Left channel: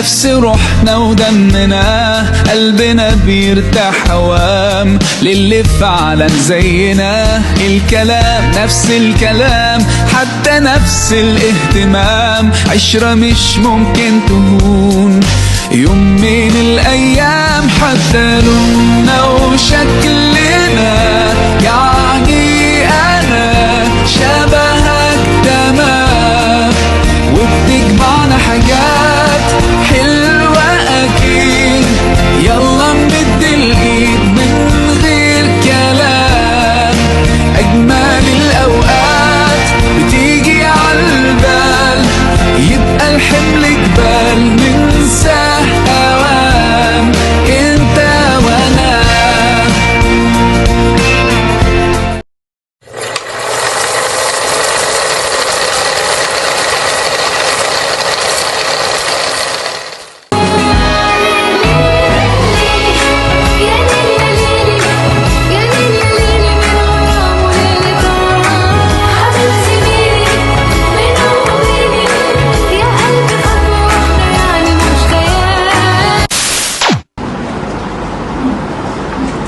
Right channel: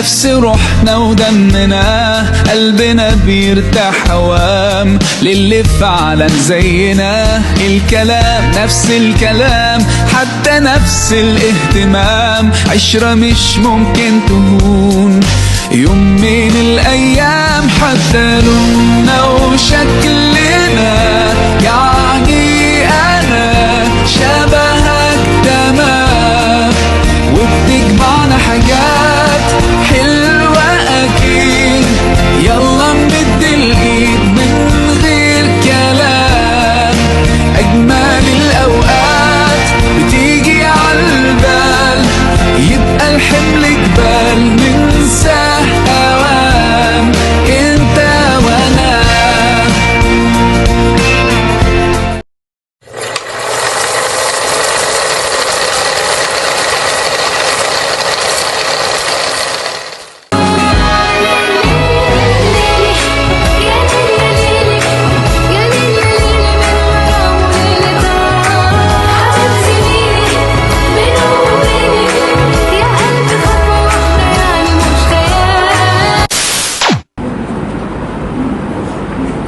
نفس روحنا ودمنا، قلبنا بيرتاح هوام للي فعلا زينا. الكلام نفس الكلام، حتى نفس الاهتمام، عشرة مش ممكن تهون يوم من الأيام. حتى لوننا وشكلنا، يعني أنا شبهك تمام، وبتجمعنا حاجات حلوة أكيد. يلا نمد الإيد من غير كلام، أجمل الأوقات بتيجي عالبال، يبقى الحمل جبال ننساه أوام، انت وانا.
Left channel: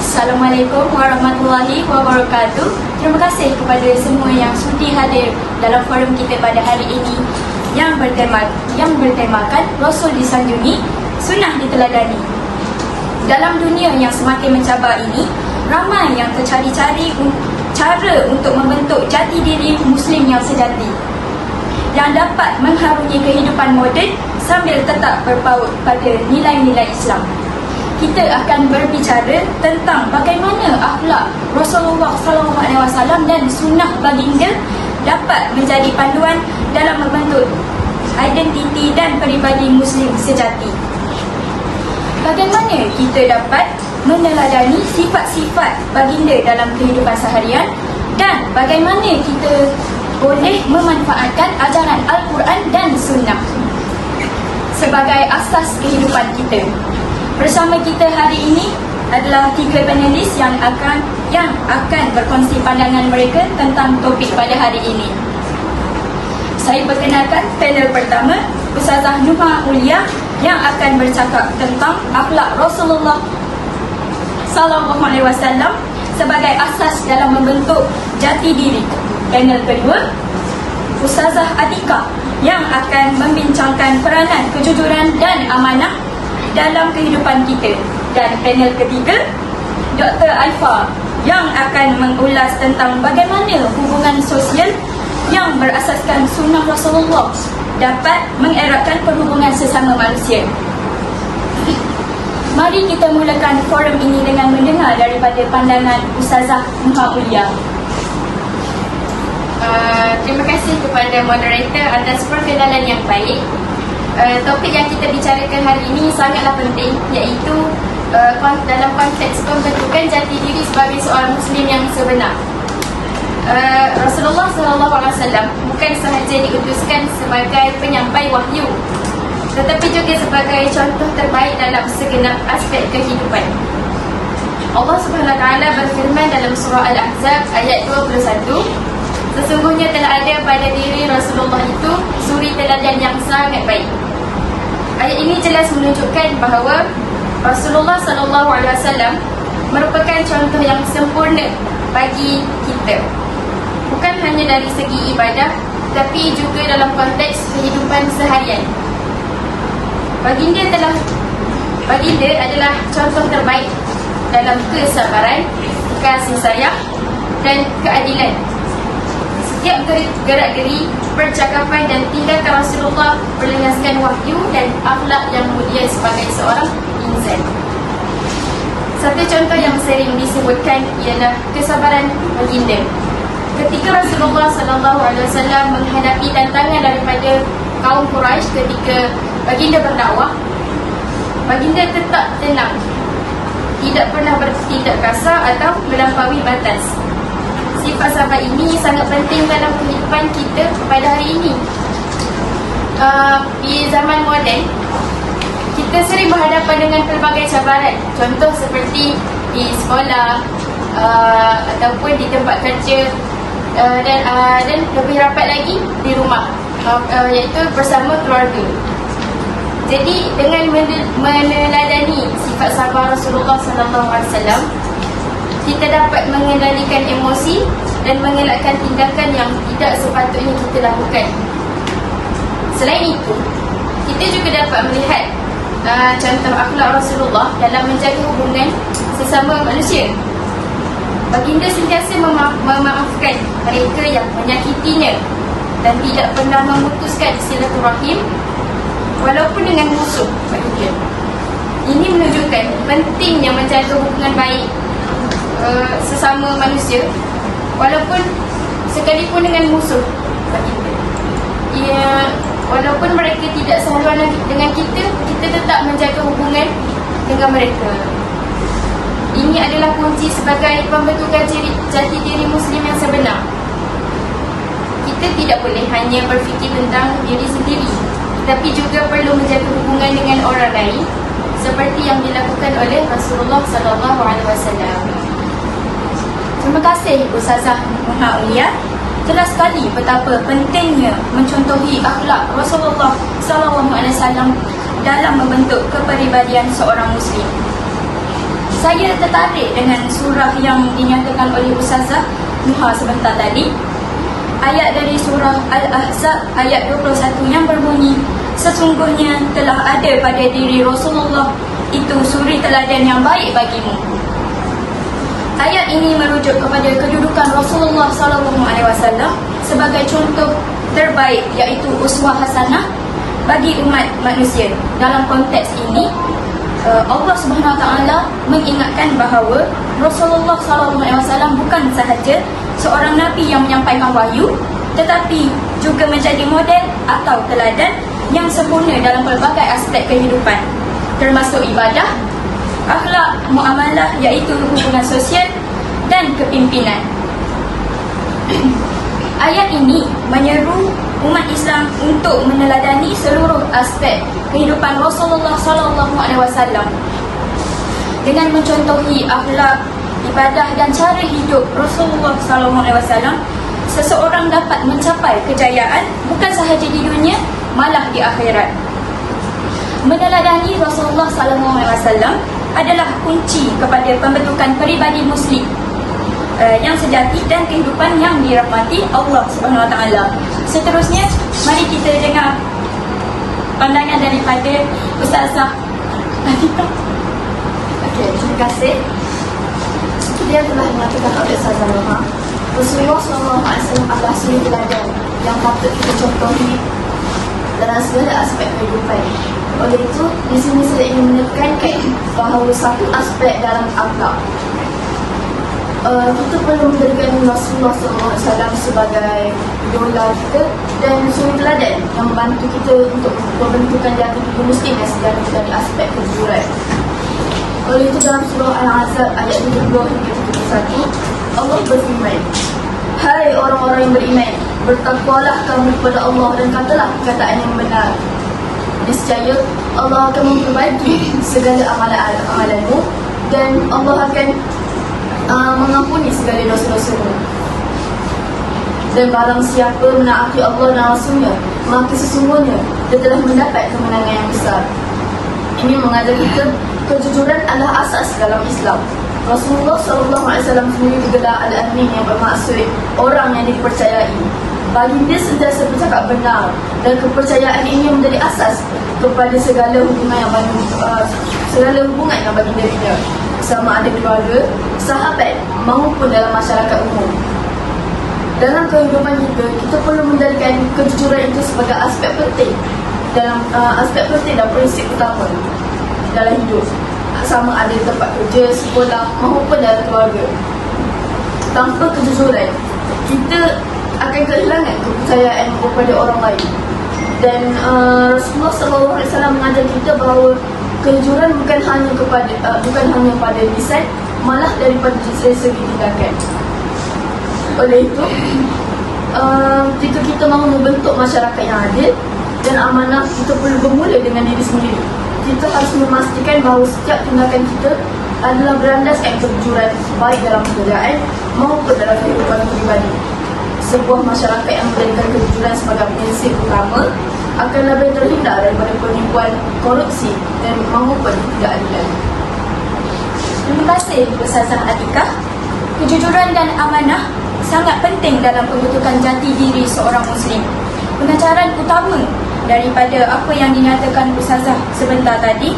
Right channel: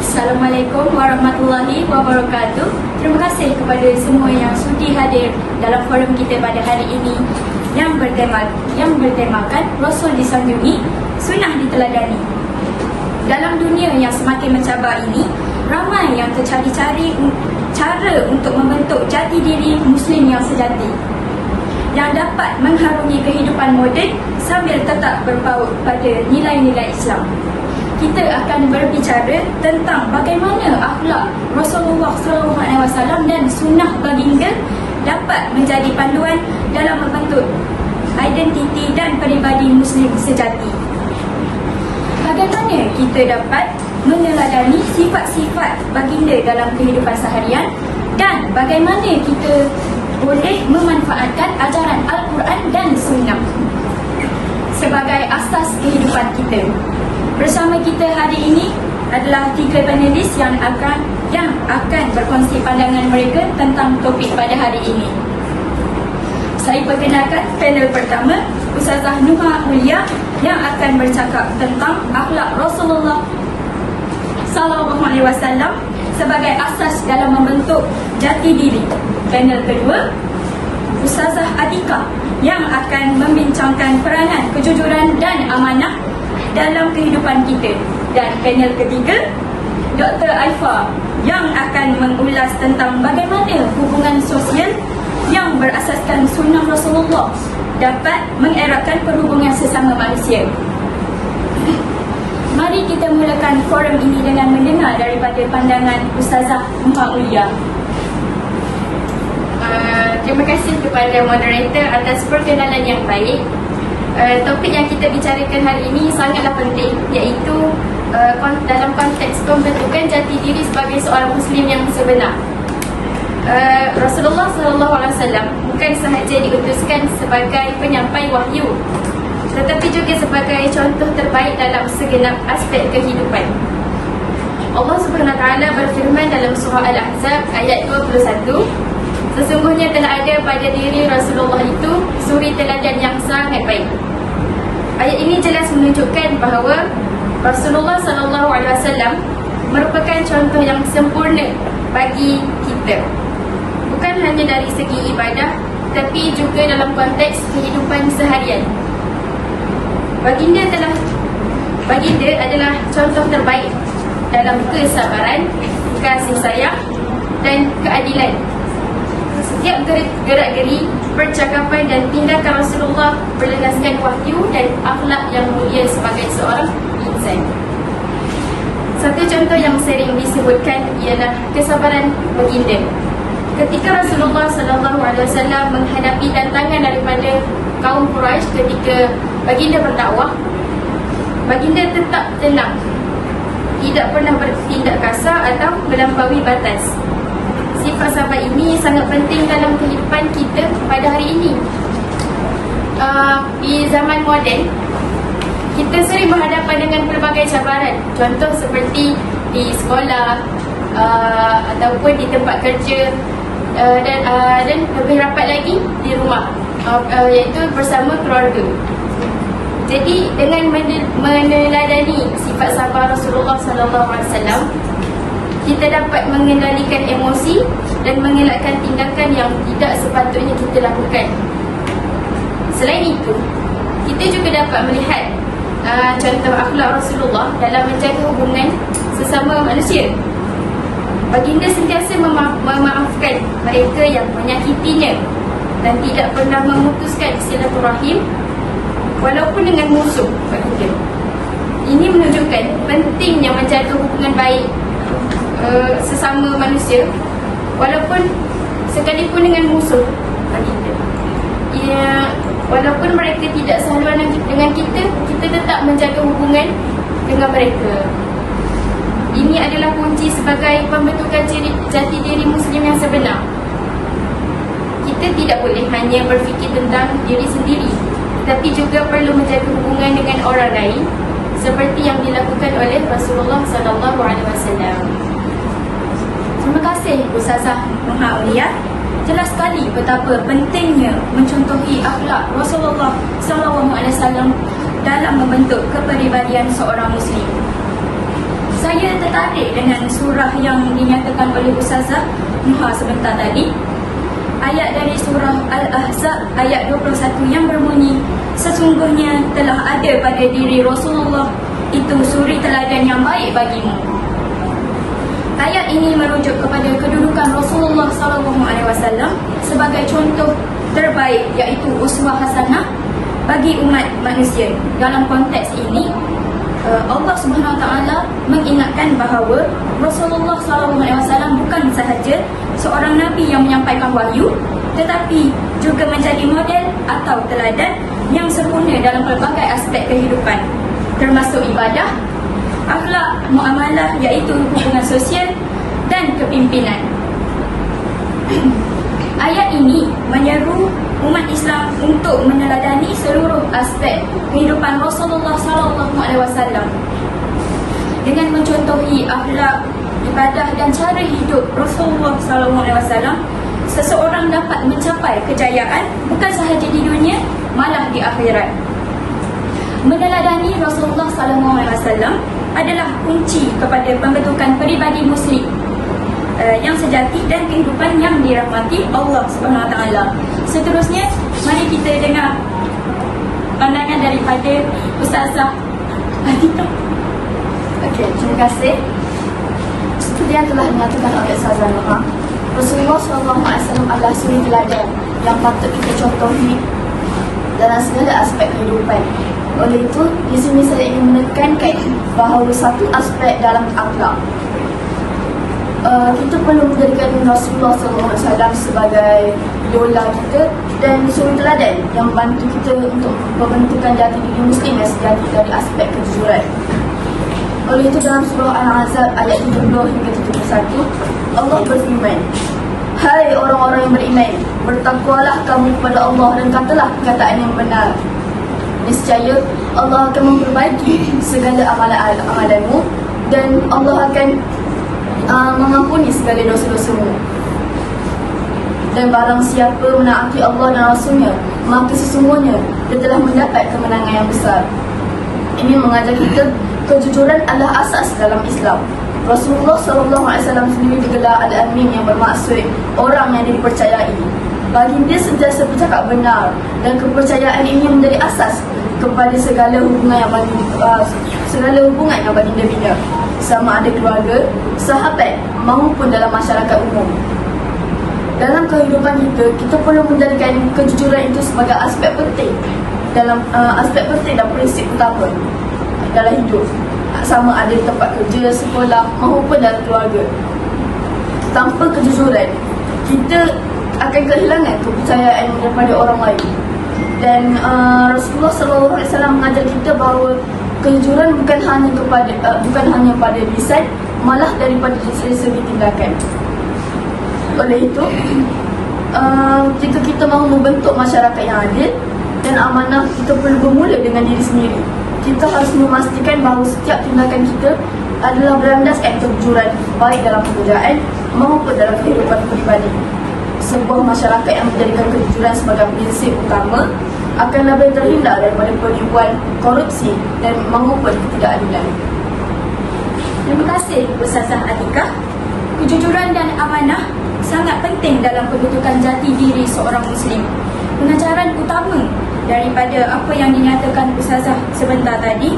Assalamualaikum warahmatullahi wabarakatuh. Terima kasih kepada semua yang sudi hadir dalam forum kita pada hari ini yang bertemakan Rasul disanjungi, Sunnah diteladani. Dalam dunia yang semakin mencabar ini, ramai yang tercari-cari cara untuk membentuk jati diri Muslim yang sejati, yang dapat mengharungi kehidupan moden sambil tetap berpaut pada nilai-nilai Islam. Kita akan berbicara tentang bagaimana akhlak Rasulullah SAW dan sunnah baginda dapat menjadi panduan dalam membentuk identiti dan peribadi Muslim sejati. Bagaimana kita dapat meneladani sifat-sifat baginda dalam kehidupan seharian, dan bagaimana kita boleh memanfaatkan ajaran Al-Quran dan sunnah sebagai asas kehidupan kita. Bersama kita hari ini adalah 3 panelis yang akan berkongsi pandangan mereka tentang topik pada hari ini. Saya perkenalkan panel pertama, Ustazah Nuha Ulia yang akan bercakap tentang akhlak Rasulullah SAW sebagai asas dalam membentuk jati diri. Panel kedua, Ustazah Atika yang akan membincangkan peranan kejujuran dan amanah dalam kehidupan kita. Dan panel ketiga, Dr. Alfa yang akan mengulas tentang bagaimana hubungan sosial yang berasaskan sunnah Rasulullah dapat mengeratkan perhubungan sesama manusia. Mari kita mulakan forum ini dengan mendengar daripada pandangan Ustazah Nuha Ulia. Terima kasih kepada moderator atas perkenalan yang baik. Topik yang kita bicarakan hari ini sangatlah penting, iaitu dalam konteks pembentukan jati diri sebagai seorang Muslim yang sebenar. Rasulullah SAW bukan sahaja diutuskan sebagai penyampai wahyu, tetapi juga sebagai contoh terbaik dalam segenap aspek kehidupan. Allah Subhanahu Wa Taala berfirman dalam surah Al-Ahzab ayat 21, sesungguhnya telah ada pada diri Rasulullah itu suri teladan yang sangat baik. Ayat ini jelas menunjukkan bahawa Rasulullah SAW merupakan contoh yang sempurna bagi kita, bukan hanya dari segi ibadah, tapi juga dalam konteks kehidupan seharian. Baginda adalah contoh terbaik dalam kesabaran, kasih sayang dan keadilan. Setiap gerak-geri, percakapan dan tindakan Rasulullah berlandaskan wahyu dan akhlak yang mulia sebagai seorang insan. Satu contoh yang sering disebutkan ialah kesabaran baginda. Ketika Rasulullah SAW menghadapi tantangan daripada kaum Quraisy ketika baginda berdakwah, baginda tetap tenang, tidak pernah bertindak kasar atau melampaui batas. Sifat sahabat ini sangat penting dalam kehidupan kita pada hari ini. Di zaman moden, kita sering berhadapan dengan pelbagai cabaran. Contoh seperti di sekolah ataupun di tempat kerja, dan lebih rapat lagi di rumah, iaitu bersama keluarga. Jadi dengan meneladani sifat sabar Rasulullah sallallahu alaihi wasallam, kita dapat mengendalikan emosi dan mengelakkan tindakan yang tidak sepatutnya kita lakukan. Selain itu, kita juga dapat melihat contoh akhlak Rasulullah dalam menjaga hubungan sesama manusia. Baginda sentiasa memaafkan mereka yang menyakitinya dan tidak pernah memutuskan silaturahim walaupun dengan musuh baginda. Ini menunjukkan pentingnya menjaga hubungan baik sesama manusia walaupun sekalipun dengan musuh baginda. Walaupun mereka tidak sehaluan dengan kita, kita tetap menjaga hubungan dengan mereka. Ini adalah kunci sebagai pembentukan jati diri Muslim yang sebenar. Kita tidak boleh hanya berfikir tentang diri sendiri, tetapi juga perlu menjaga hubungan dengan orang lain seperti yang dilakukan oleh Rasulullah SAW. Terima kasih Ustazah Muhammad Aulia. Jelas sekali betapa pentingnya mencontohi akhlak Rasulullah SAW dalam membentuk kepribadian seorang Muslim. Saya tertarik dengan surah yang dinyatakan oleh Ustazah Muha sebentar tadi. Ayat dari surah Al-Ahzab ayat 21 yang berbunyi, sesungguhnya telah ada pada diri Rasulullah itu suri teladan yang baik bagimu. Ayat ini merujuk kepada kedudukan Rasulullah SAW sebagai contoh terbaik, iaitu uswah hasanah bagi umat manusia. Dalam konteks ini, Allah SWT mengingatkan bahawa Rasulullah SAW bukan sahaja seorang Nabi yang menyampaikan wahyu, tetapi juga menjadi model atau teladan yang sempurna dalam pelbagai aspek kehidupan, termasuk ibadah, akhlak, muamalah, iaitu hubungan sosial dan kepimpinan. Ayat ini menyeru umat Islam untuk meneladani seluruh aspek kehidupan Rasulullah SAW dengan mencontohi akhlak, ibadah dan cara hidup Rasulullah SAW. Seseorang dapat mencapai kejayaan bukan sahaja di dunia, malah di akhirat. Meneladani Rasulullah SAW adalah kunci kepada pembentukan peribadi Muslim yang sejati dan kehidupan yang dirahmati Allah SWT. Seterusnya, mari kita dengar pandangan daripada Ustazah Nafita. Okey, terima kasih. Seperti yang telah mengatakan oleh Ustazah Noha, Rasulullah SAW adalah suri teladan yang patut kita contohi dalam segala aspek kehidupan. Oleh itu, di sini saya ingin menekankan bahawa satu aspek dalam akhlak, kita perlu menjadikan Rasulullah SAW sebagai idola kita dan suri teladan yang membantu kita untuk membentukkan jati diri Muslim yang sejati dari aspek kejujuran. Oleh itu, dalam surah Al-Ahzab ayat 70 hingga 71, Allah berfirman, hai orang-orang yang beriman, bertakwalah kamu kepada Allah dan katalah perkataan yang benar. Niscaya Allah akan memperbaiki segala amalan-amalanmu dan Allah akan mengampuni segala dosa-dosamu. Dan barang siapa menaati Allah dan Rasulnya, maka sesungguhnya dia telah mendapat kemenangan yang besar. Ini mengajar kita kejujuran adalah asas dalam Islam. Rasulullah SAW sendiri digelar Al-Amin, yang bermaksud orang yang dipercayai. Baginda sentiasa bercakap benar dan kepercayaan ini menjadi asas kepada segala hubungan yang baginda bina, sama ada keluarga, sahabat maupun dalam masyarakat umum. Dalam kehidupan kita perlu menjadikan kejujuran itu sebagai aspek penting dalam dan prinsip utama dalam hidup, sama ada di tempat kerja, sekolah maupun dalam keluarga. Tanpa kejujuran, kita akan kehilangan kepercayaan daripada orang lain. Dan Rasulullah SAW mengajar kita bahawa kejujuran bukan hanya pada lisan, malah daripada segi tindakan. Oleh itu, jika kita mahu membentuk masyarakat yang adil dan amanah, kita perlu bermula dengan diri sendiri. Kita harus memastikan bahawa setiap tindakan kita adalah berlandaskan kejujuran, baik dalam pekerjaan maupun dalam kehidupan peribadi. Sebuah masyarakat yang menjadikan kejujuran sebagai prinsip utama akan lebih terhindar daripada penipuan, korupsi dan maupun ketidakadilan. Terima kasih Ustazah Atikah. Kejujuran dan amanah sangat penting dalam pembentukan jati diri seorang Muslim. Pengajaran utama daripada apa yang dinyatakan Ustazah sebentar tadi,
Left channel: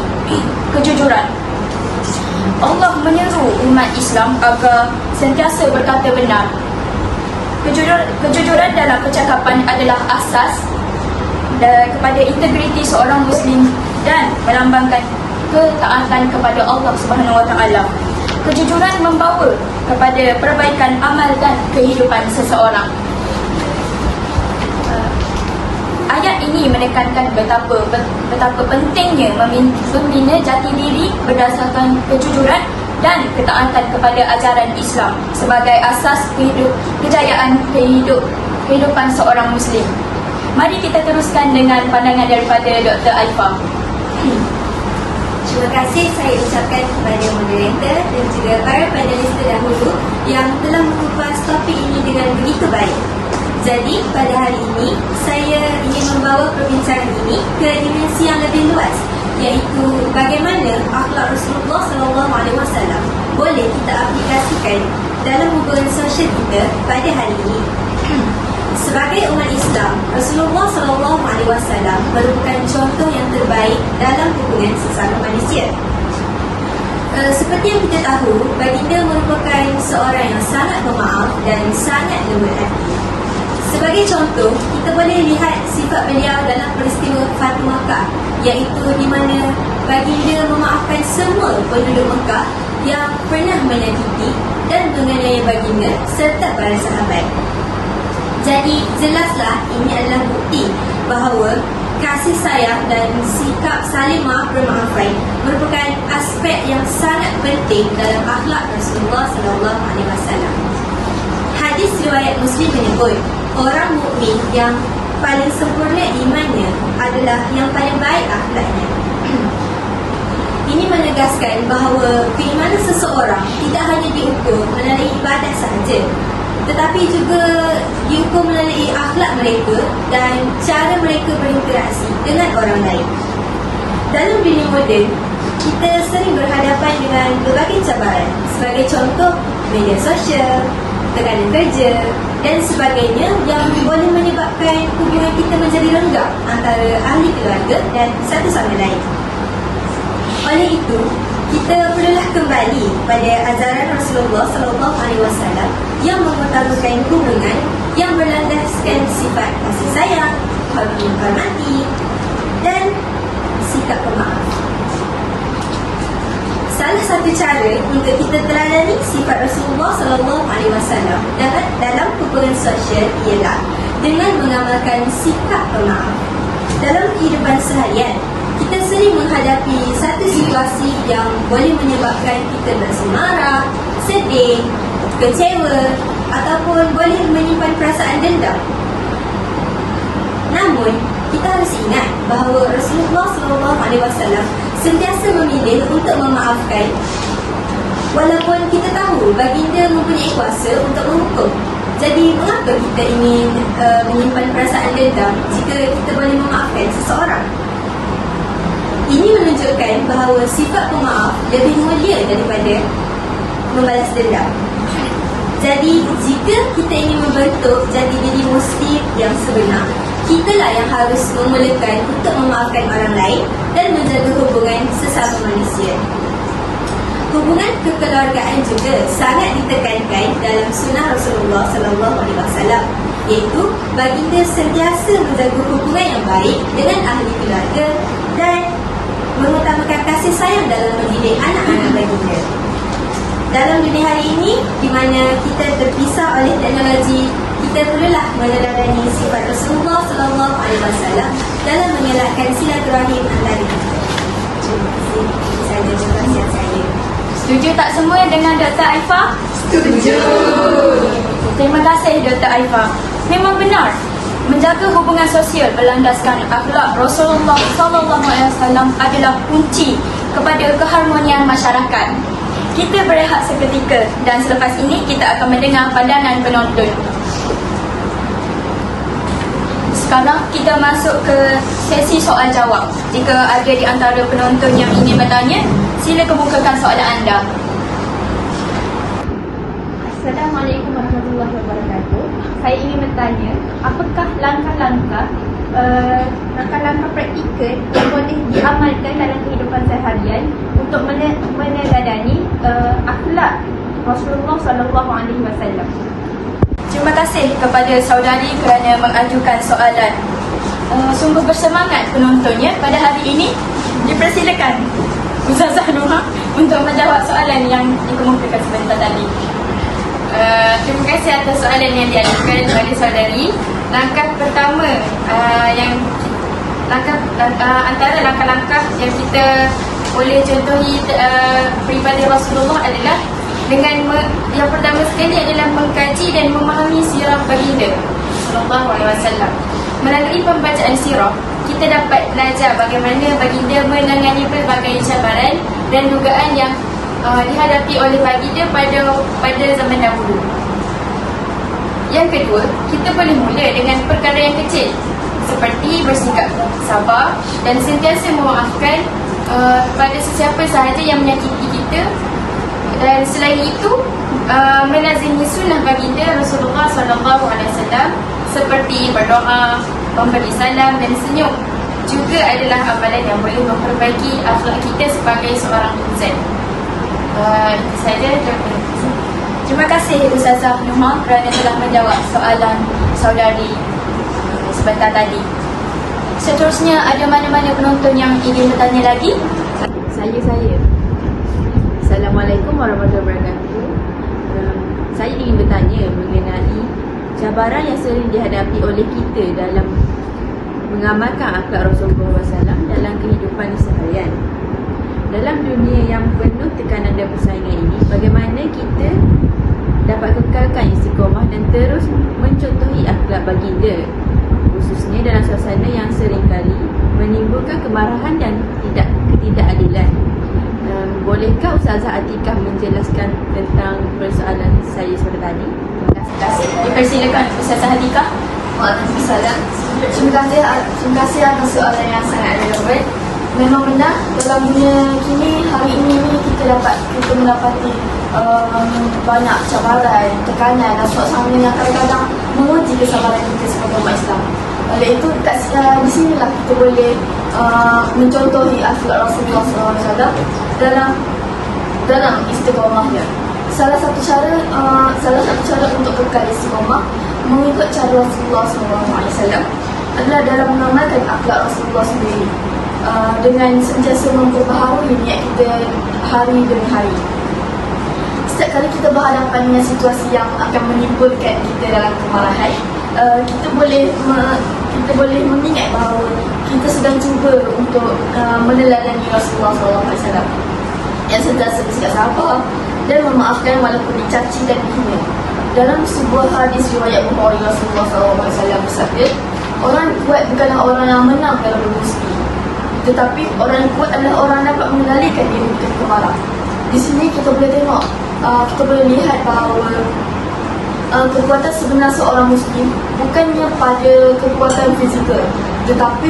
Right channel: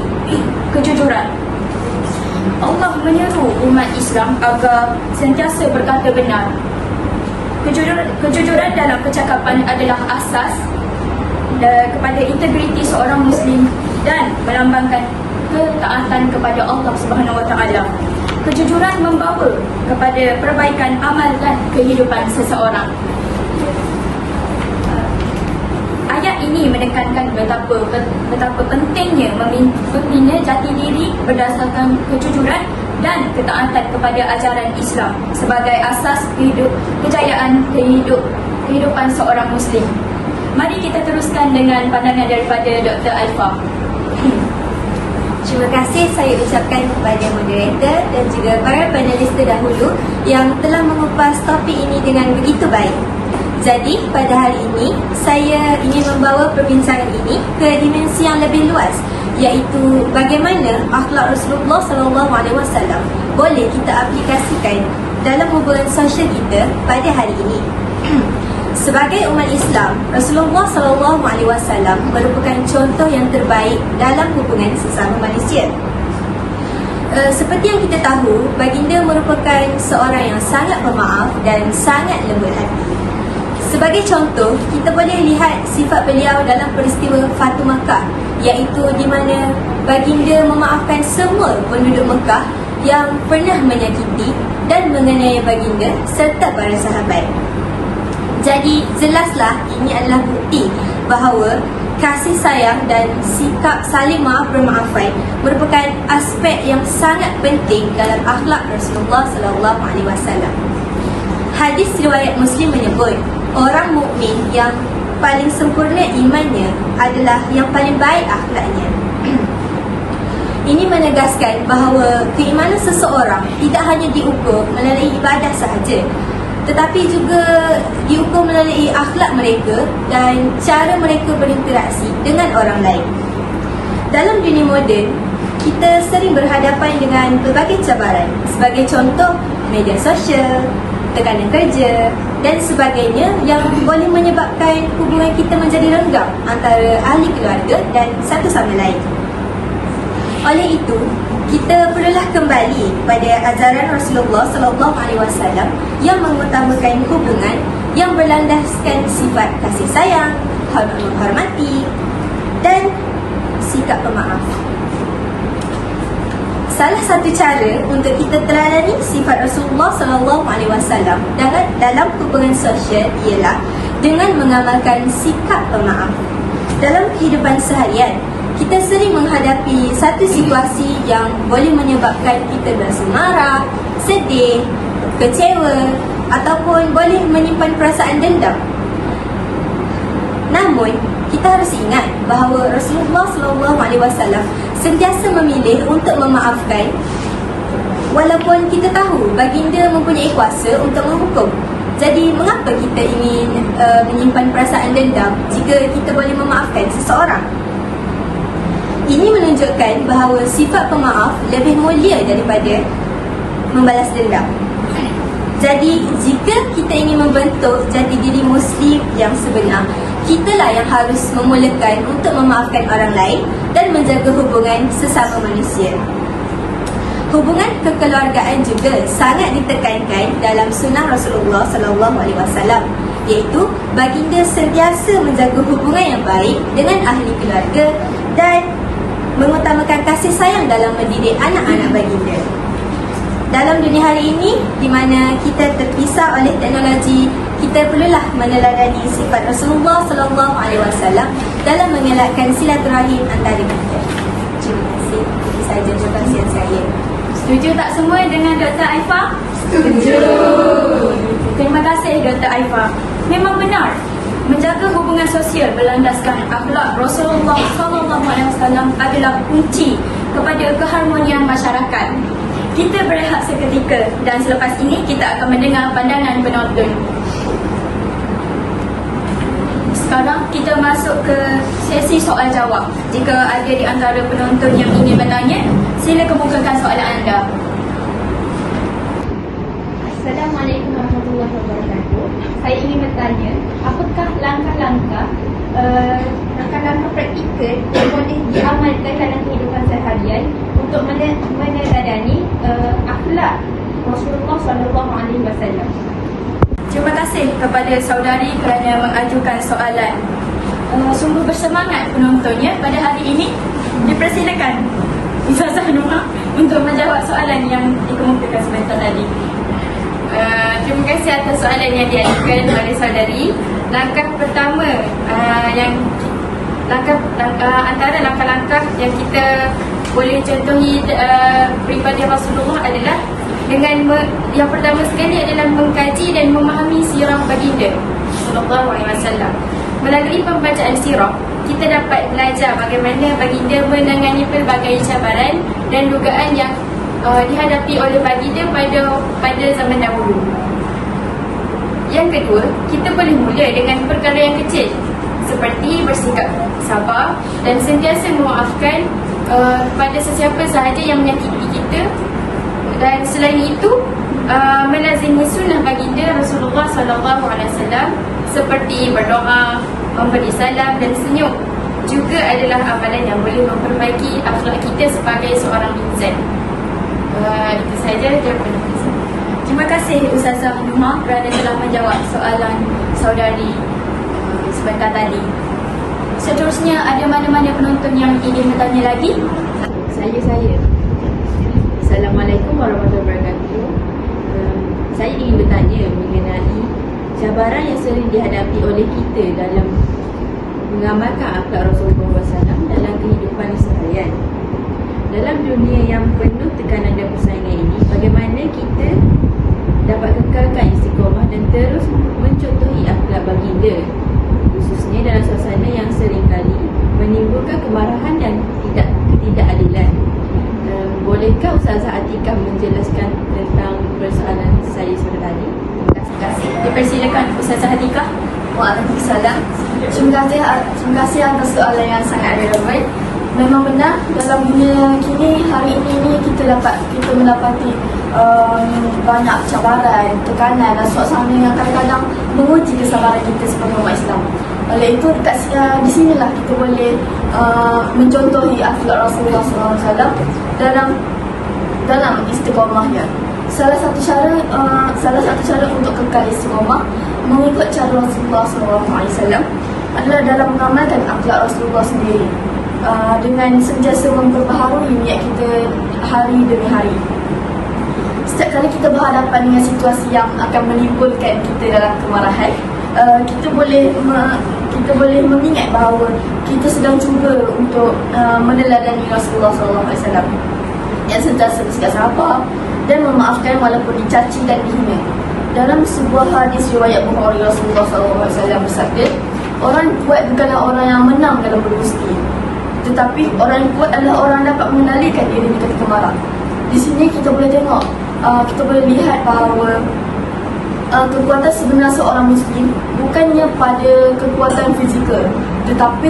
kejujuran. Allah menyeru umat Islam agar sentiasa berkata benar. Kejujuran dalam percakapan adalah asas kepada integriti seorang Muslim dan melambangkan ketaatan kepada Allah Subhanahu Wa Taala. Kejujuran membawa kepada perbaikan amal dan kehidupan seseorang. Ayat ini menekankan betapa pentingnya membina jati diri berdasarkan kejujuran dan ketaatan kepada ajaran Islam sebagai asas kejayaan kehidupan seorang Muslim. Mari kita teruskan dengan pandangan daripada Dr. Alifah. Terima kasih saya ucapkan kepada moderator dan juga para panelis terdahulu yang telah mengupas topik ini dengan begitu baik. Jadi pada hari ini saya ingin membawa perbincangan ini ke dimensi yang lebih luas, iaitu bagaimana akhlak Rasulullah SAW boleh kita aplikasikan dalam hubungan sosial kita pada hari ini. Sebagai umat Islam, Rasulullah SAW merupakan contoh yang terbaik dalam hubungan sesama manusia. Seperti yang kita tahu, baginda merupakan seorang yang sangat pemaaf dan sangat lembut hati. Sebagai contoh, kita boleh lihat sifat beliau dalam peristiwa Fatu Makkah, iaitu di mana baginda memaafkan semua penduduk Mekah yang pernah menyakiti dan mengenai baginda serta para sahabat. Jadi jelaslah ini adalah bukti bahawa kasih sayang dan sikap saling maaf bermaafan merupakan aspek yang sangat penting dalam akhlak Rasulullah SAW. Hadis riwayat Muslim menyebut, orang mukmin yang paling sempurna imannya adalah yang paling baik akhlaknya. Ini menegaskan bahawa keimanan seseorang tidak hanya diukur melalui ibadat sahaja, tetapi juga diukur melalui akhlak mereka dan cara mereka berinteraksi dengan orang lain. Dalam dunia moden, kita sering berhadapan dengan berbagai cabaran. Sebagai contoh, media sosial, tekanan kerja dan sebagainya yang boleh menyebabkan hubungan kita menjadi renggang antara ahli keluarga dan satu sama lain. Oleh itu, kita perlulah kembali pada ajaran Rasulullah SAW yang mengutamakan hubungan yang berlandaskan sifat kasih sayang, hormat menghormati dan sikap pemaaf. Salah satu cara untuk kita teladani sifat Rasulullah SAW dalam hubungan sosial ialah dengan mengamalkan sikap pemaaf. Dalam kehidupan seharian, kita sering menghadapi satu situasi yang boleh menyebabkan kita berasa marah, sedih, kecewa ataupun boleh menyimpan perasaan dendam. Namun, kita harus ingat bahawa Rasulullah SAW sentiasa memilih untuk memaafkan walaupun kita tahu baginda mempunyai kuasa untuk menghukum. Jadi, mengapa kita ingin menyimpan perasaan dendam jika kita boleh memaafkan seseorang? Ini menunjukkan bahawa sifat pemaaf lebih mulia daripada membalas dendam. Jadi, jika kita ingin membentuk jati diri Muslim yang sebenar, kitalah yang harus memulakan untuk memaafkan orang lain dan menjaga hubungan sesama manusia. Hubungan kekeluargaan juga sangat ditekankan dalam sunnah Rasulullah SAW, iaitu baginda sentiasa menjaga hubungan yang baik dengan ahli keluarga dan mengutamakan kasih sayang dalam mendidik anak-anak baginda. Dalam dunia hari ini, di mana kita terpisah oleh teknologi, kita perlulah meneladani sifat Rasulullah SAW dalam mengelakkan silaturahim antara kita. Terima kasih. Saya ucapkan saya. Setuju tak semua dengan Dr. Alifah? Setuju. Terima kasih Dr. Alifah. Memang benar, menjaga hubungan sosial berlandaskan akhlak Rasulullah SAW adalah kunci kepada keharmonian masyarakat. Kita berehat seketika dan selepas ini kita akan mendengar pandangan penonton. Sekarang kita masuk ke sesi soal jawab. Jika ada di antara penonton yang ingin bertanya, sila kemukakan soalan anda. Assalamualaikum warahmatullahi wabarakatuh. Saya ingin bertanya, apakah langkah-langkah praktikal yang boleh diamalkan dalam kehidupan seharian untuk meneladani akhlak Rasulullah SAW? Terima kasih kepada saudari kerana mengajukan soalan. Sungguh bersemangat penontonnya pada hari ini. Dipersilakan Ustazah Nurah untuk menjawab soalan yang dikemukakan sebentar tadi. Terima kasih atas soalan yang diajukan kepada saudari. Langkah pertama antara langkah-langkah yang kita boleh contohi peribadi Rasulullah adalah dengan yang pertama sekali adalah mengkaji dan memahami sirah baginda sallallahu alaihi wasallam. Melalui pembacaan sirah, kita dapat belajar bagaimana baginda menangani pelbagai cabaran dan dugaan yang dihadapi oleh baginda pada zaman dahulu. Yang kedua, kita boleh mula dengan perkara yang kecil seperti bersikap sabar dan sentiasa memaafkan pada sesiapa sahaja yang menyakiti kita. Dan selain itu, melazimi sunnah baginda Rasulullah SAW seperti berdoa, memberi salam dan senyum juga adalah amalan yang boleh memperbaiki akhlak kita sebagai seorang insan. Saya Terima kasih Ustazah Nurah kerana telah menjawab soalan saudari sebentar tadi. Seterusnya, ada mana-mana penonton yang ingin bertanya lagi? Saya. Assalamualaikum warahmatullahi wabarakatuh. Saya ingin bertanya mengenai cabaran yang sering dihadapi oleh kita dalam mengamalkan akhlak Rasulullah SAW dalam kehidupan seharian. Dalam dunia yang penuh tekanan dan persaingan ini, bagaimana kita dapat kekalkan istiqamah dan terus mencontohi akhlak baginda, khususnya dalam suasana yang seringkali menimbulkan kemarahan dan ketidakadilan. Bolehkah Ustazah Atikah menjelaskan tentang persoalan saya tadi? Terima kasih. Dipersilakan Ustazah Atikah. Waalaikumsalam. Terima kasih atas soalan yang sangat relevan. Memang benar, dalam dunia kini, hari ini kita mendapati banyak cabaran, tekanan dan suasana yang kadang-kadang menguji kesabaran kita sebagai umat Islam. Oleh itu, di sinilah kita boleh mencontohi akhlak Rasulullah SAW dalam istiqamahnya. Salah satu cara untuk kekal istiqamah mengikut cara Rasulullah SAW adalah dalam mengamalkan akhlak Rasulullah sendiri, dengan sentiasa memperbaharui niat kita hari demi hari. Setiap kali kita berhadapan dengan situasi yang akan menimbulkan kita dalam kemarahan, kita boleh mengingat bahawa kita sedang cuba untuk meneladani Rasulullah SAW yang sentiasa bersikap sabar dan memaafkan walaupun dicaci dan dihina. Dalam sebuah hadis riwayat Bukhari, Rasulullah SAW bersabda, orang kuat bukanlah orang yang menang dalam berdiskusi, tetapi orang yang kuat adalah orang yang dapat mengendalikan diri ketika marah. Di sini kita boleh tengok, kita boleh lihat bahawa kekuatan sebenar seorang Muslim bukannya pada kekuatan fizikal, tetapi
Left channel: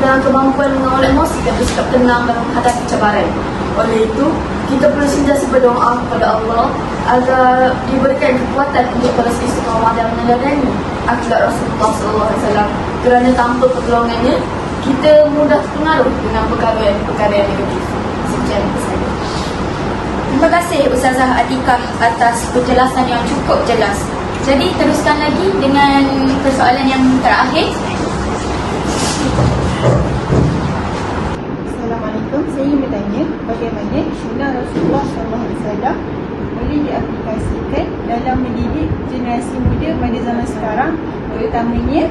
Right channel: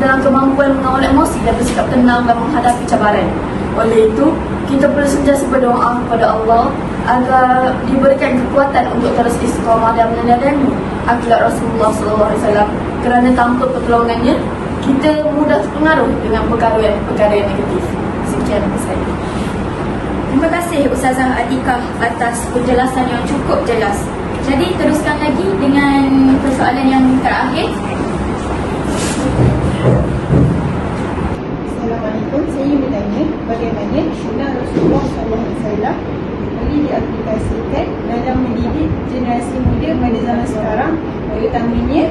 dalam kemampuan mengawal emosi dan bersikap tenang dan menghadapi cabaran. Oleh itu, kita perlu sentiasa berdoa kepada Allah agar diberikan kekuatan untuk terus istiqamah dan meneladani akhlak Rasulullah SAW, kerana tanpa pertolongannya kita mudah terpengaruh dengan perkara yang negatif. Sekian dari saya. Terima kasih Ustazah Atikah atas penjelasan yang cukup jelas. Jadi teruskan lagi dengan persoalan yang terakhir. Assalamualaikum. Saya ingin bertanya bagaimana sunnah Rasulullah SAW boleh diaplikasikan dalam mendidik generasi muda pada zaman sekarang, terutamanya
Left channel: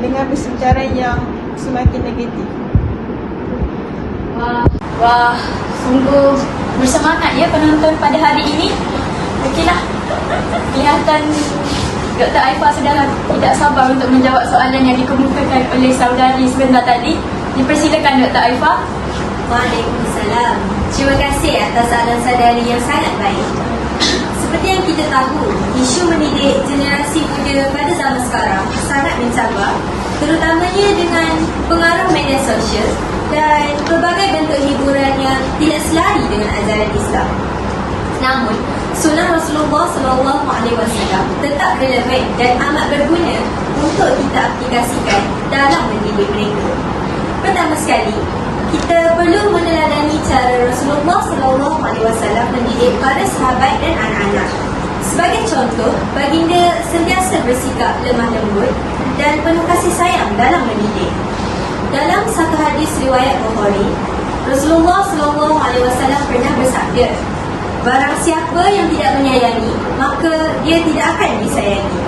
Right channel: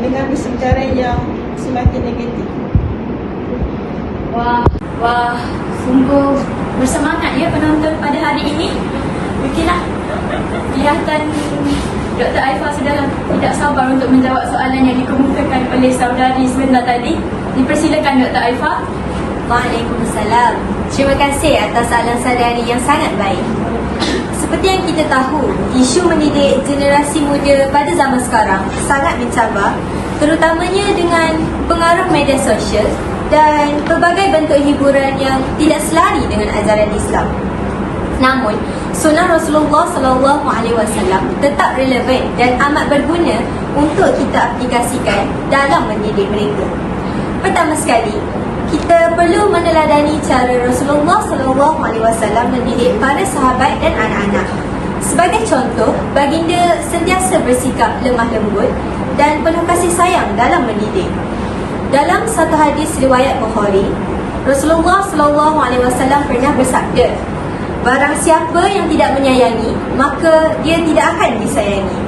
dengan bersejarah yang semakin negatif. Wah, sungguh bersemangat ya penonton pada hari ini. Okeylah, kelihatan Dr. Aifah sudah tidak sabar untuk menjawab soalan yang dikemukakan oleh saudari sebentar tadi. Dipersilakan Dr. Aifah. Waalaikumsalam. Terima kasih atas soalan saudari yang sangat baik. Seperti yang kita tahu, isu mendidik generasi muda pada zaman sekarang sangat mencabar, terutamanya dengan pengaruh media sosial dan pelbagai bentuk hiburan yang tidak selari dengan ajaran Islam. Namun, sunnah Rasulullah SAW tetap relevan dan amat berguna untuk kita aplikasikan dalam mendidik mereka. Pertama sekali, kita perlu meneladani cara Rasulullah SAW mendidik para sahabat dan anak-anak. Sebagai contoh, baginda sentiasa bersikap lemah lembut dan penuh kasih sayang dalam mendidik. Dalam satu hadis riwayat Bukhari, Rasulullah SAW pernah bersabda, "Barang siapa yang tidak menyayangi, maka dia tidak akan disayangi."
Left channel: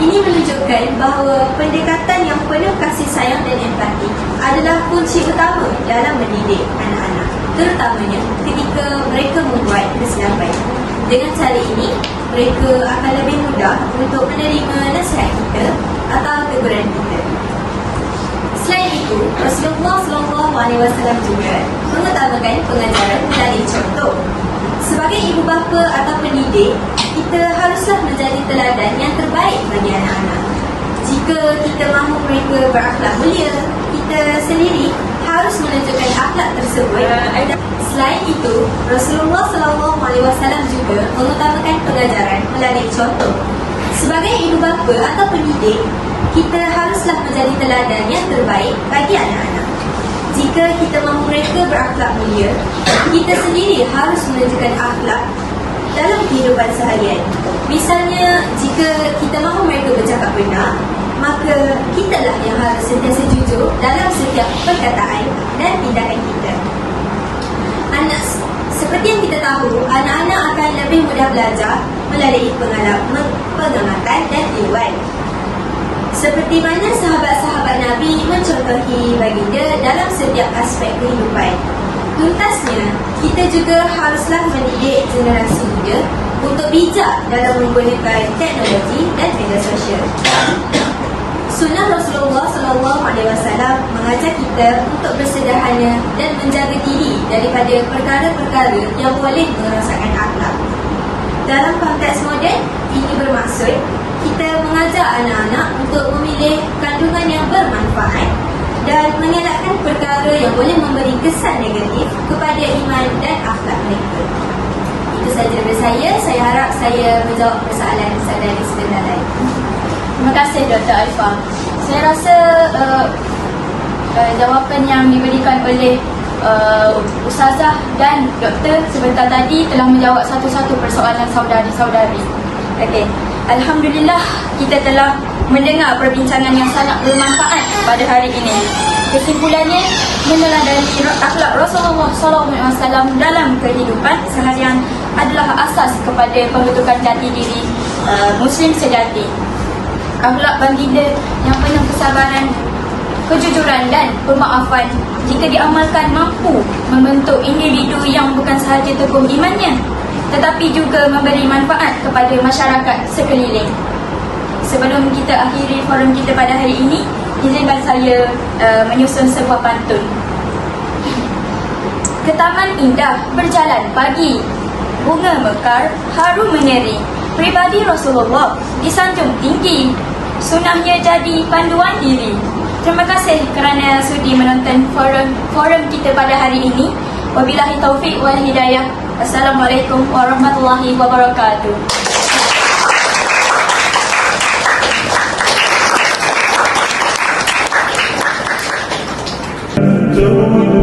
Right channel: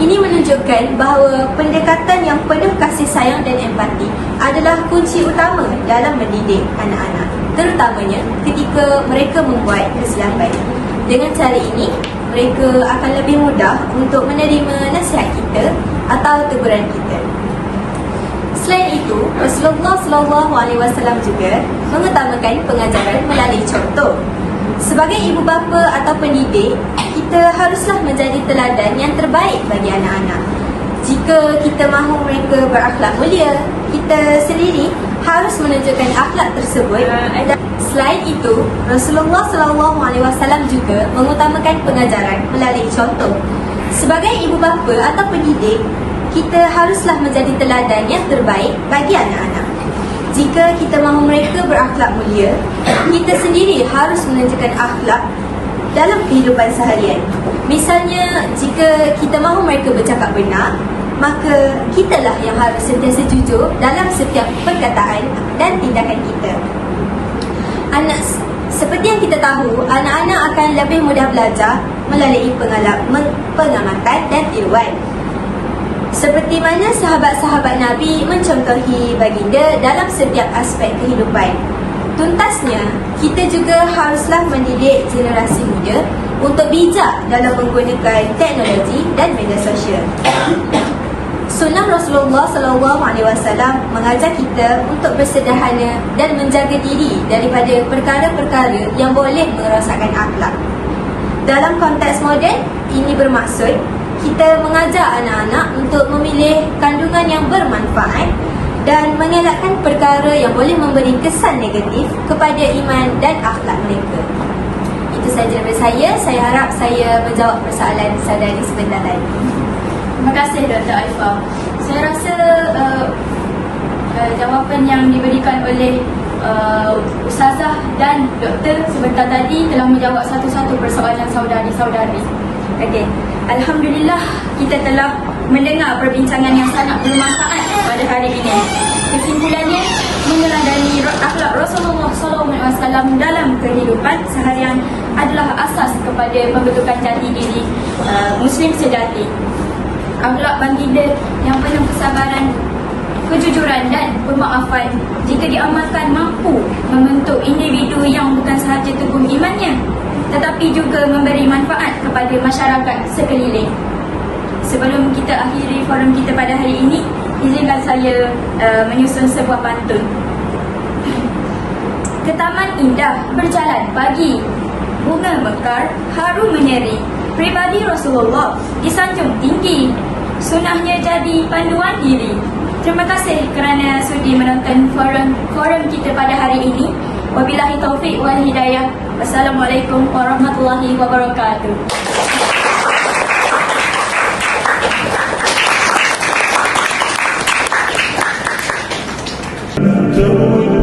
Ini menunjukkan bahawa pendekatan yang penuh kasih sayang dan empati adalah kunci utama dalam mendidik anak-anak, terutamanya ketika mereka membuat kesilapan. Dengan cara ini, mereka akan lebih mudah untuk menerima nasihat kita atau teguran kita. Selain itu, Rasulullah SAW juga mengutamakan pengajaran melalui contoh. Sebagai ibu bapa atau pendidik, kita haruslah menjadi teladan yang terbaik bagi anak-anak. Jika kita mahu mereka berakhlak mulia, kita sendiri harus menunjukkan akhlak tersebut. Selain itu, Rasulullah SAW juga mengutamakan pengajaran melalui contoh. Sebagai ibu bapa atau pendidik, kita haruslah menjadi teladan yang terbaik bagi anak-anak. Jika kita mahu mereka berakhlak mulia, kita sendiri harus menunjukkan akhlak dalam kehidupan seharian. Misalnya, jika kita mahu mereka bercakap benar, maka kitalah yang harus sentiasa jujur dalam setiap perkataan dan tindakan kita. Seperti yang kita tahu, anak-anak akan lebih mudah belajar melalui pengamatan dan tiruan. Seperti mana sahabat-sahabat Nabi mencontohi baginda dalam setiap aspek kehidupan. Tuntasnya, kita juga haruslah mendidik generasi muda untuk bijak dalam menggunakan teknologi dan media sosial. Sunnah Rasulullah SAW mengajar kita untuk bersederhana dan menjaga diri daripada perkara-perkara yang boleh merosakkan akhlak. Dalam konteks moden, ini bermaksud kita mengajar anak-anak untuk memilih kandungan yang bermanfaat dan mengelakkan perkara yang boleh memberi kesan negatif kepada iman dan akhlak mereka. Itu sahaja dari saya. Saya harap saya menjawab persoalan saudari sebenar lain. Terima kasih Dr. Alfa. Saya rasa jawapan yang diberikan oleh Ustazah dan Doktor sebentar tadi telah menjawab satu-satu persoalan saudari-saudari. Okey. Alhamdulillah, kita telah mendengar perbincangan yang sangat bermanfaat pada hari ini. Kesimpulannya, meneladani akhlak Rasulullah SAW dalam kehidupan seharian adalah asas kepada pembentukan jati diri Muslim sejati. Akhlak baginda yang penuh kesabaran, kejujuran dan pemaafan jika diamalkan mampu membentuk individu yang bukan sahaja teguh imannya, tetapi juga memberi manfaat kepada masyarakat sekeliling. Sebelum kita akhiri forum kita pada hari ini, izinkan saya menyusun sebuah pantun. Ke taman indah berjalan pagi, bunga mekar harum meneri, pribadi Rasulullah disanjung tinggi, sunnahnya jadi panduan diri. Terima kasih kerana sudi menonton forum kita pada hari ini. Wabillahi taufiq wal hidayah. Wassalamualaikum warahmatullahi wabarakatuh. Jauh